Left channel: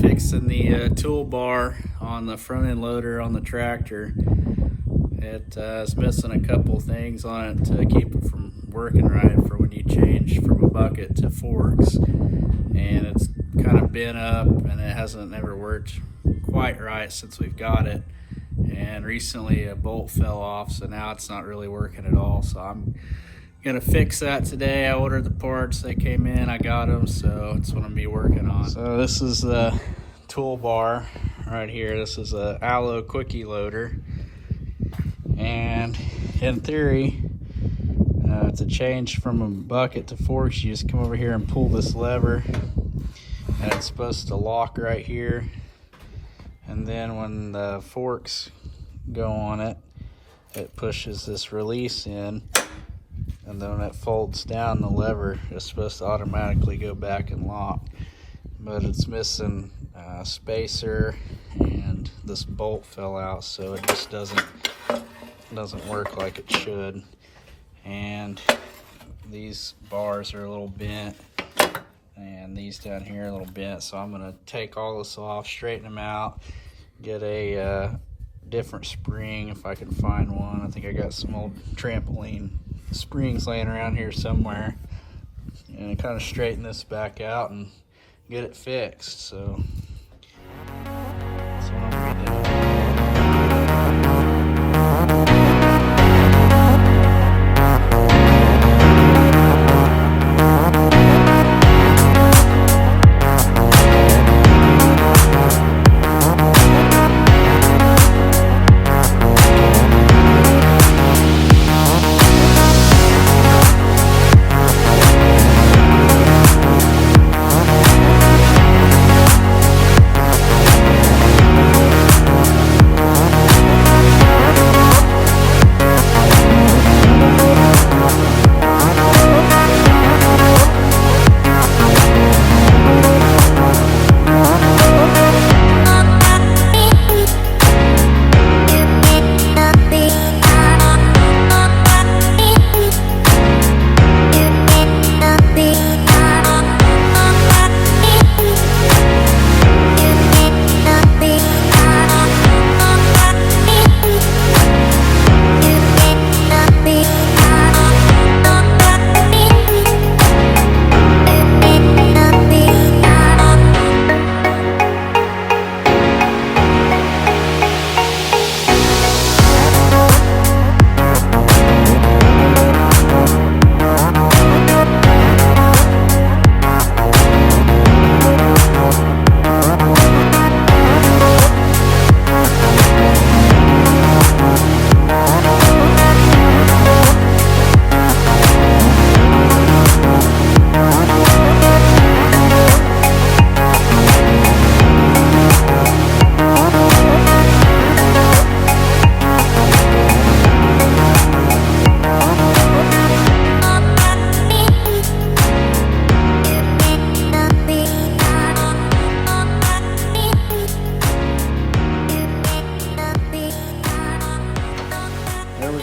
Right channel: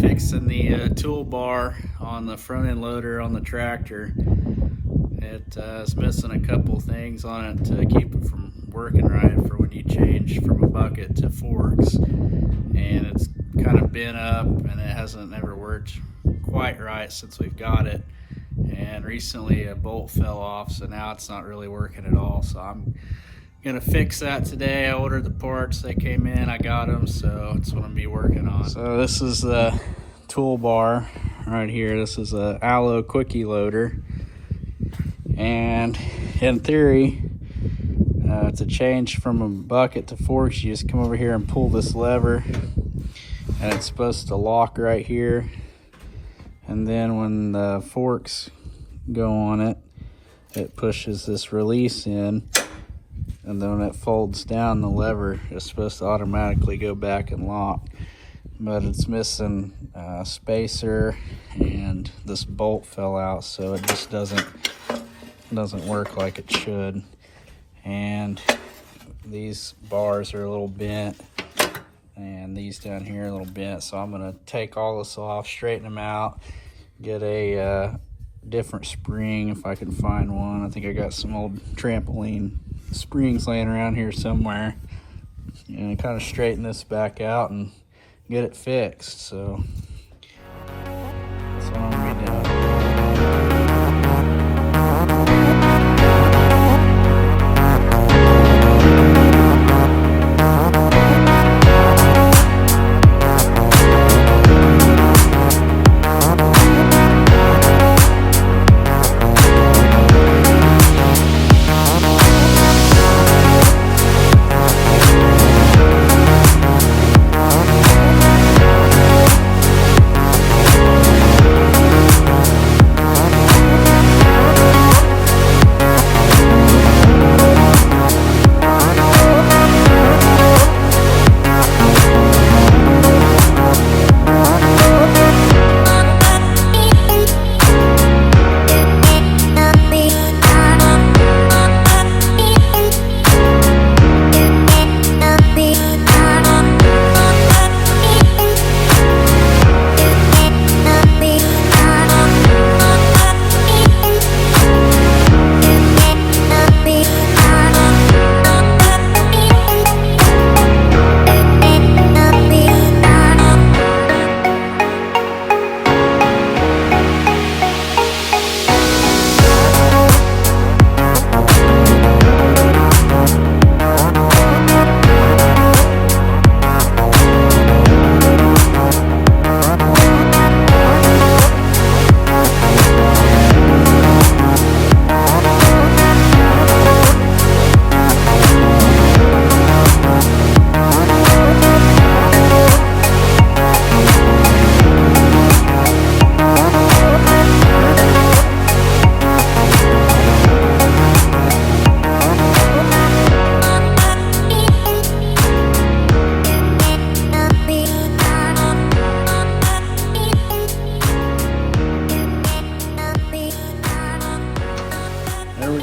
fixing the toolbar on the front end loader on the tractor. It's missing a couple things on it to keep it from working right for when you change from a bucket to forks, and it's kind of bent up and it hasn't ever worked quite right since we've got it. And recently a bolt fell off, so now it's not really working at all. So I'm gonna fix that today. I ordered the parts, they came in, I got them, so it's what I'm gonna be working on. So this is the toolbar right here. This is a Allo Quickie loader, and in theory, to change from a bucket to forks, you just come over here and pull this lever, and it's supposed to lock right here. And then when the forks go on it, it pushes this release in, and then when it folds down, the lever is supposed to automatically go back and lock. But it's missing a spacer, and this bolt fell out, so it just doesn't work like it should. And these bars are a little bent, and these down here are a little bent, so I'm gonna take all this off, straighten them out, get a different spring if I can find one. I think I got some old trampoline springs laying around here somewhere, and kind of straighten this back out and get it fixed. So that's what I'm gonna be doing.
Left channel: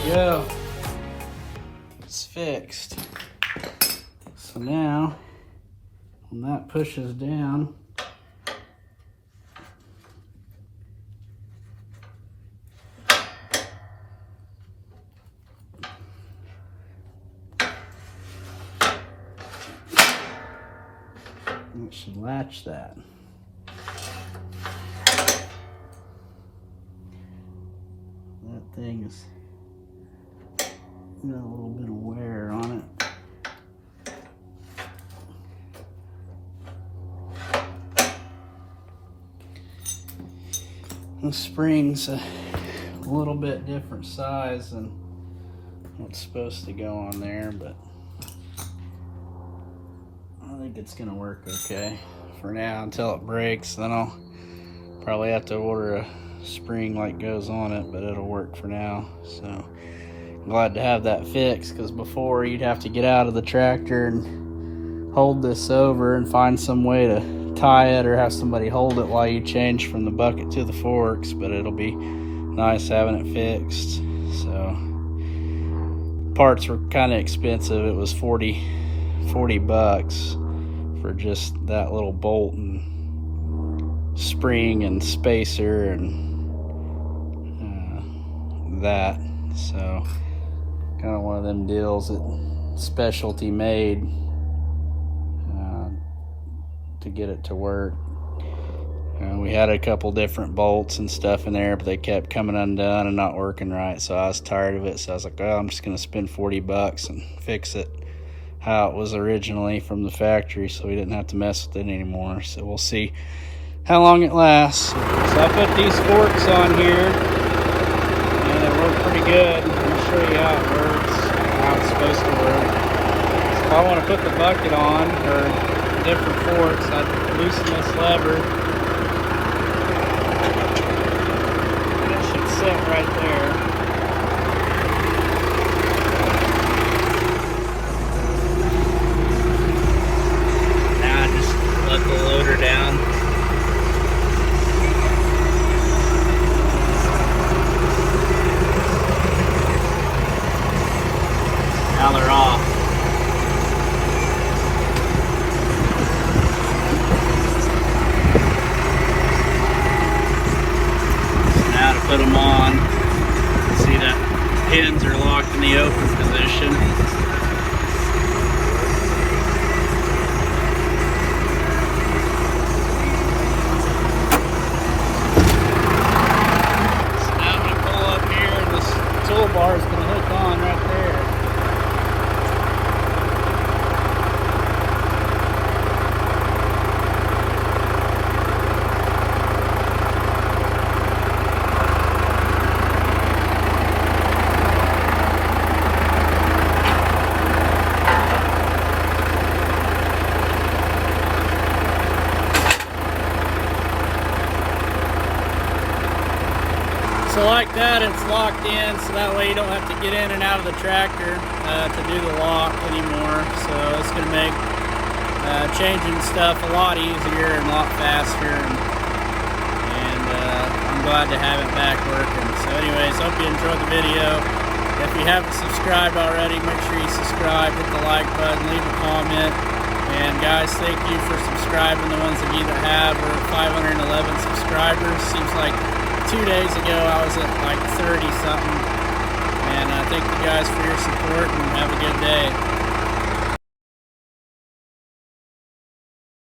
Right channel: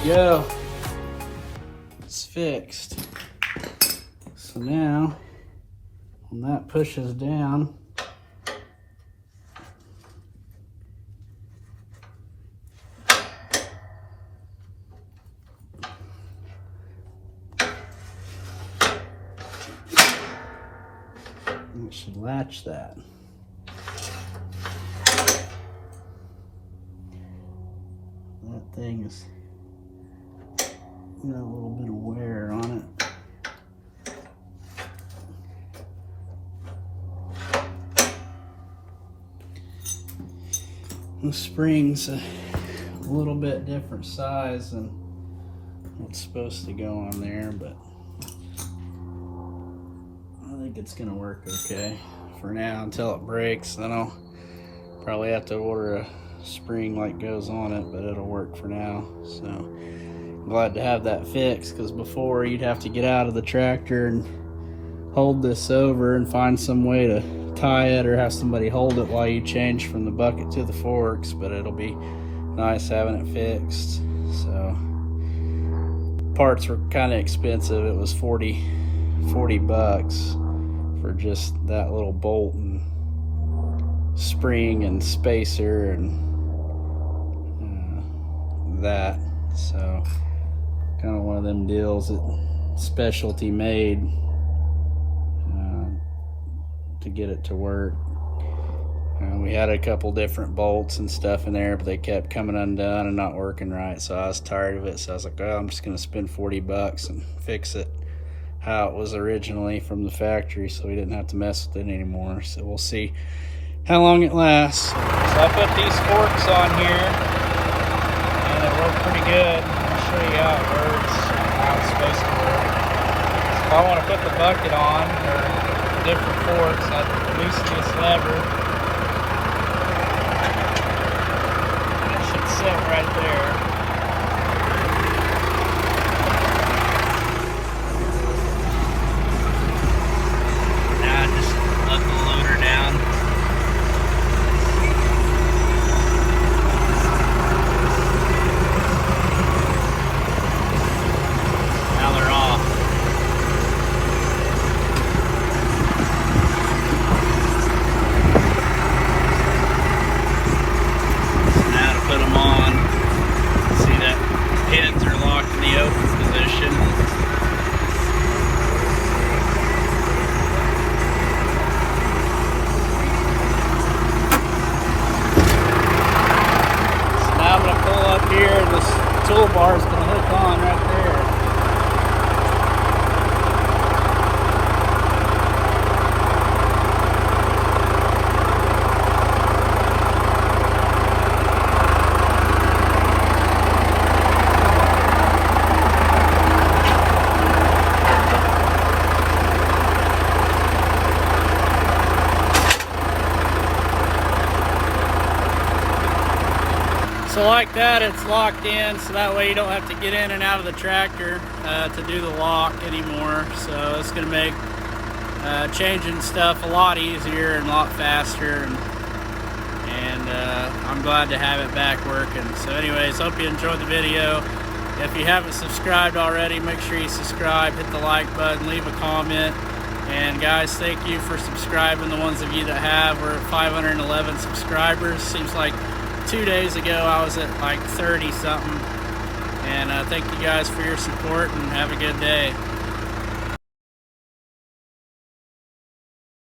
Go. It's fixed. So now when that pushes down, it should latch that. That thing is got a little bit of wear on it. The spring's a little bit different size than what's supposed to go on there, but I think it's gonna work okay for now until it breaks. Then I'll probably have to order a spring like goes on it, but it'll work for now. So I'm glad to have that fixed, because before you'd have to get out of the tractor and hold this over and find some way to tie it, or have somebody hold it while you change from the bucket to the forks. But it'll be nice having it fixed. So parts were kind of expensive. It was 40 bucks for just that little bolt and spring and spacer and that. So kind of one of them deals that specialty made to get it to work. We had a couple different bolts and stuff in there, but they kept coming undone and not working right, so I was tired of it. So I was like, well, I'm just gonna spend 40 bucks and fix it how it was originally from the factory, so we didn't have to mess with it anymore. So we'll see how long it lasts. So I put these forks on here, and they work pretty good. I'll show you how it works, how it's supposed to work. So I want to put the bucket on, or different forks, I loosen this lever. Sit right there. Now I just let the loader down. Now they're off. Now to put them on. See that pins are locked in the open position. So now I'm going to pull up here and this toolbar is going to hook on right there. So like that, it's locked in, so that way you don't have to get in and out of the tractor to do the lock anymore. So it's going to make changing stuff a lot easier and a lot faster, and I'm glad to have it back working. So anyways, hope you enjoyed the video. If you haven't subscribed already, make sure you subscribe, hit the like button, leave a comment. And guys, thank you for subscribing, the ones of you that have. We're at 511 subscribers. Seems like 2 days ago I was at like 30 something, and thank you guys for your support, and have a good day.